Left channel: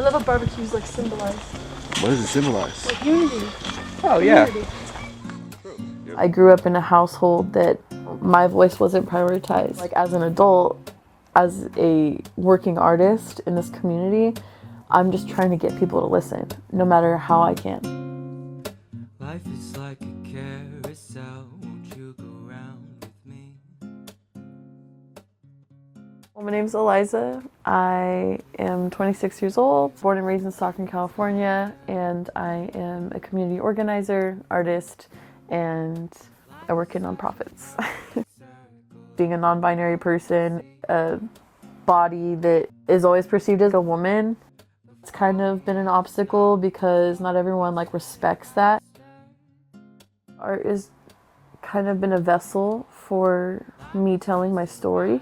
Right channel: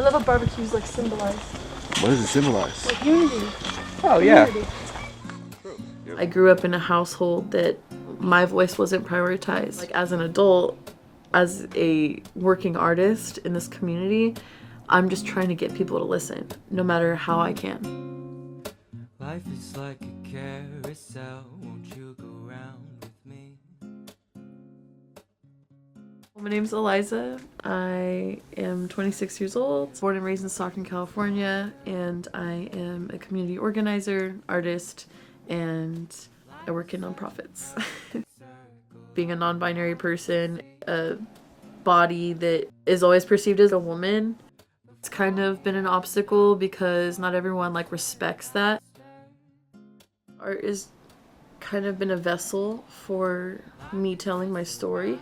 I love what barbecues like symbolize. What does it symbolize? Like unity. Oh, yeah. Unity. I grew up in a household that my voice wasn't prioritized. Like as an adult, as a working artist in this community, I'm just trying to get people to listen, no matter how I can. Life is like a carousel, won't you go round with me? Well, my name's Eliza. I am 26 years old, born and raised in Stockton, California, and I am a community organizer, artist, and I work in nonprofits. Being a non-binary person, a body that is always perceived as a woman, it's kind of been an obstacle because not everyone respects that. Art has kind of been a vessel for me telling my story.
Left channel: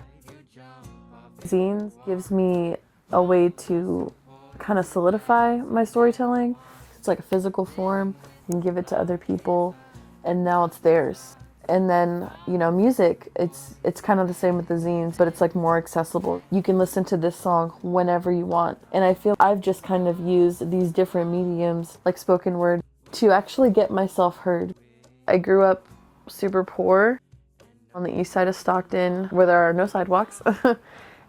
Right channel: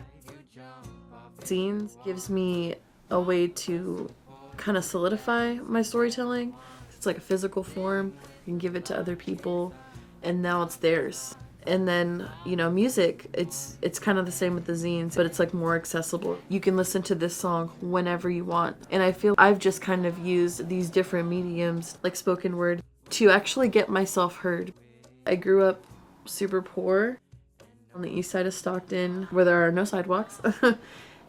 Zines gives me a way to kind of solidify my storytelling. It's like a physical form. You can give it to other people, and now it's theirs. And then, music, it's kind of the same with the zines, but it's more accessible. You can listen to this song whenever you want. And I feel I've just kind of used these different mediums, like spoken word, to actually get myself heard. I grew up super poor on the east side of Stockton, where there are no sidewalks.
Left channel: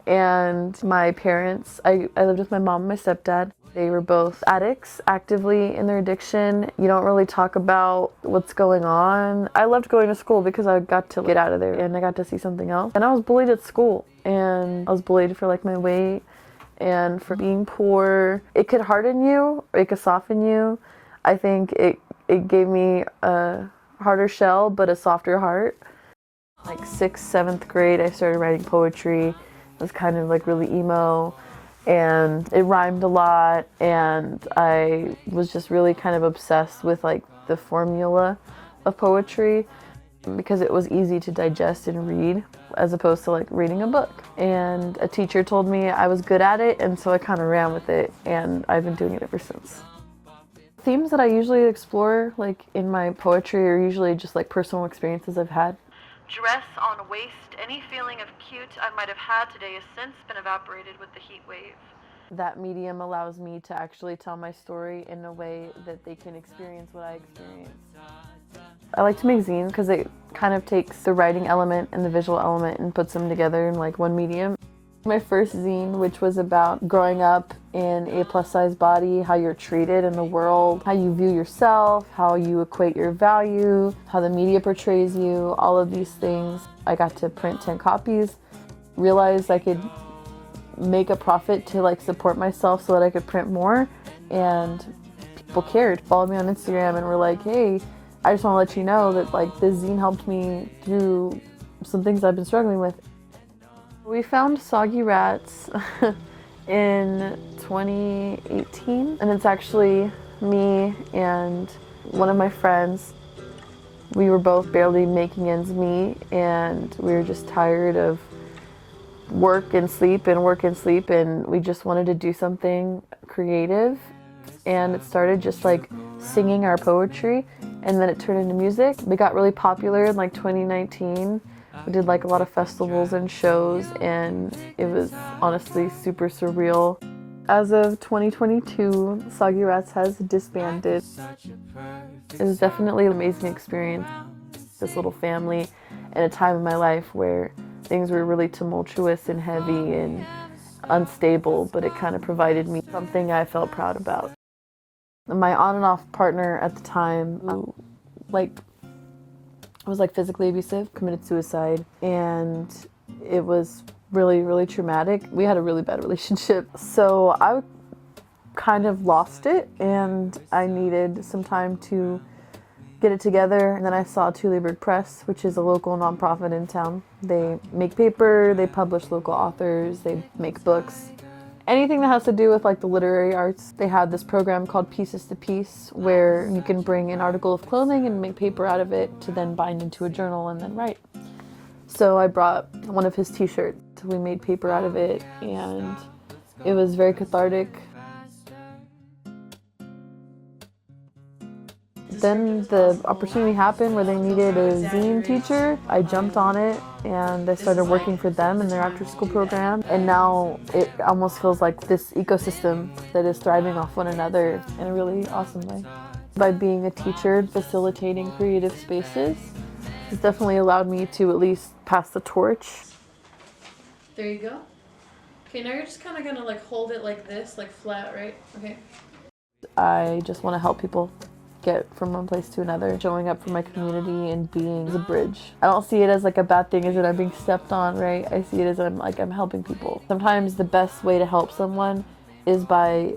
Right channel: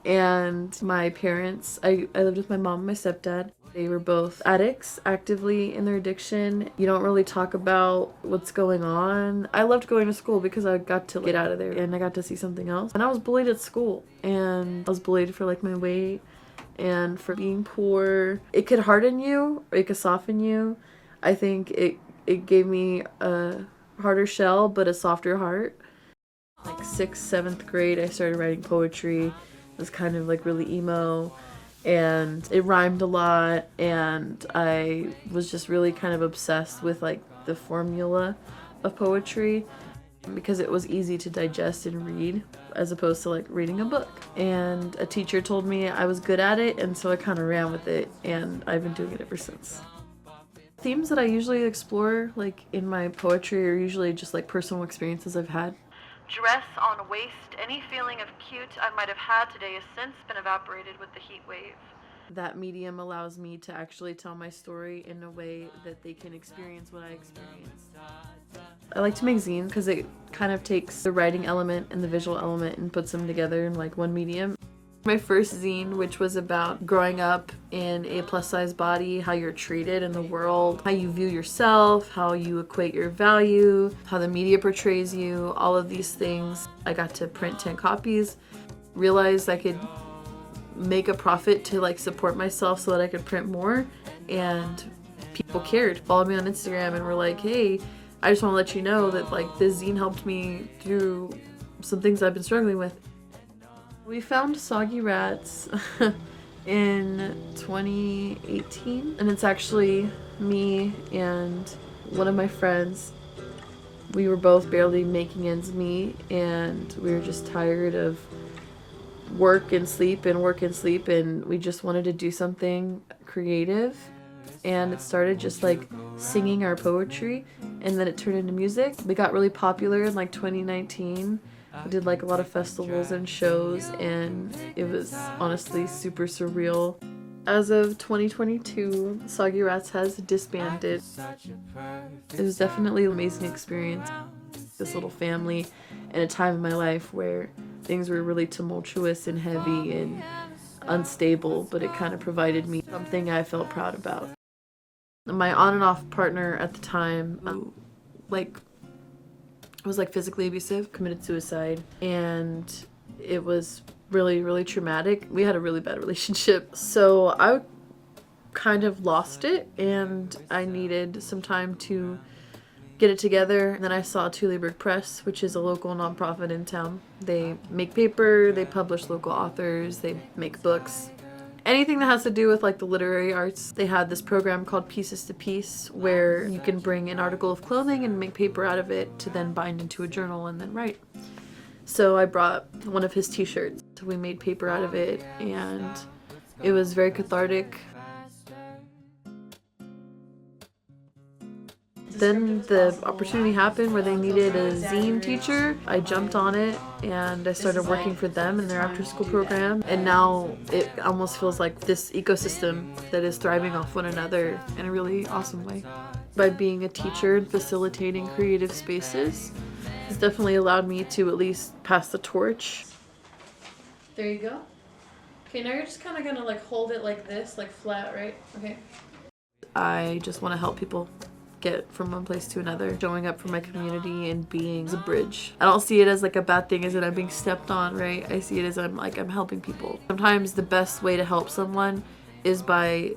And my parents, I lived with my mom and my stepdad. They were both addicts, actively in their addiction. You don't really talk about what's going on. I loved going to school because I got to get out of there and I got to see something else. And I was bullied at school, and I was bullied for my weight and for being poor. It could harden you, it could soften you. I think it gave me a harder shell, but a softer heart. 6th, 7th grade, I started writing poetry. It was kind of really emo, and it rhymed a lot, and I was just really kind of obsessed with the formula of poetry because it was easy to digest and read as opposed to reading a book. And a teacher told me I was good at it, and so I kind of ran with it, and I've been doing it ever since. Themes that I usually explore in my poetry are usually just personal experiences I've had. Dress on waist, any feeling of cute I might have had today has since been evaporated with the heat wave. That medium allows me to actually tell my story in a way that they can experience what I experienced. I like to make zine because it kind of takes the writing element and the visual element and puts them together in one medium. My first zine, which was about growing up in a plus-size body, how you're treated in the world, how you view yourself, how you equate your value, how the media portrays you, all of these things. I got to print 10 copies, realized I could make a profit to support myself so that I could print more, and people cared. Followed me on Instagram and were like, hey, I just want to let you know that this zine helped me through some things I've been struggling with. We found Soggy Rats in 2018, and it's actually me and one of my friends. We were both barely making ends meet, and we were just tired of work and sleep, and we just wanted to do something creative. And it started just singing our poetry, and then it turned into music. We got really popular in 2019. We did a lot of festivals and shows, and it was honestly super surreal. As of 2022, Soggy Rats has disbanded. It was definitely an amazing experience. This little family in a time in my life where things were really tumultuous and heavy and unstable, but it kind of provided me something I felt proud about. My on and off partner at the time, was physically abusive, committed suicide, and it was really, really traumatic. We had a really bad relationship, so I kind of lost it, and I needed some time to get it together. And then I saw Tuleberg Press, which is a local nonprofit in town. They make paper, they publish local authors, they make books. Anything that has to do with the literary arts. They had this program called Pieces to Piece, where you can bring an article of clothing and make paper out of it to then bind into a journal and then write. So I brought one of his t-shirts. We made paper out of it, and it was very cathartic. Then the opportunity happened where they needed a zine teacher. I jumped on it and I started working for them in their after school program. And now it almost feels like this ecosystem that is thriving off one another in a really awesome way. By being a teacher and facilitating creative spaces, it's definitely allowed me to at least pass the torch. There you go. Okay, now you're just kind of gonna like hold it like this, like flat, right? Okay. I just want to help people get from one place to another, showing up for my community and being a bridge. I don't see it as like a bad thing, as that I'm being stepped on, right? I see it as I'm helping people. Sometimes the best way to help someone is by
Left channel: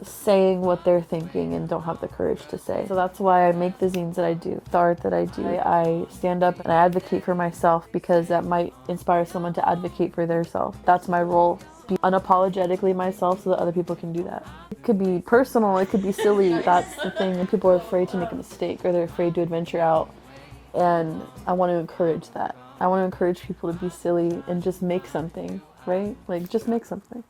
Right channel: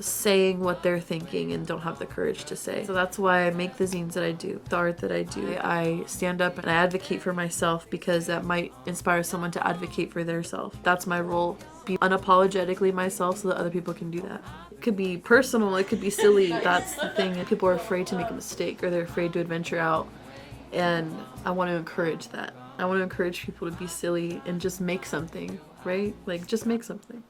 saying what they're thinking and don't have the courage to say. So that's why I make the zines that I do, the art that I do. I stand up and I advocate for myself because that might inspire someone to advocate for their self. That's my role. Be unapologetically myself so that other people can do that. It could be personal, it could be silly, that's the thing. And people are afraid to make a mistake or they're afraid to adventure out. And I want to encourage that. I want to encourage people to be silly and just make something, right? Like, just make something.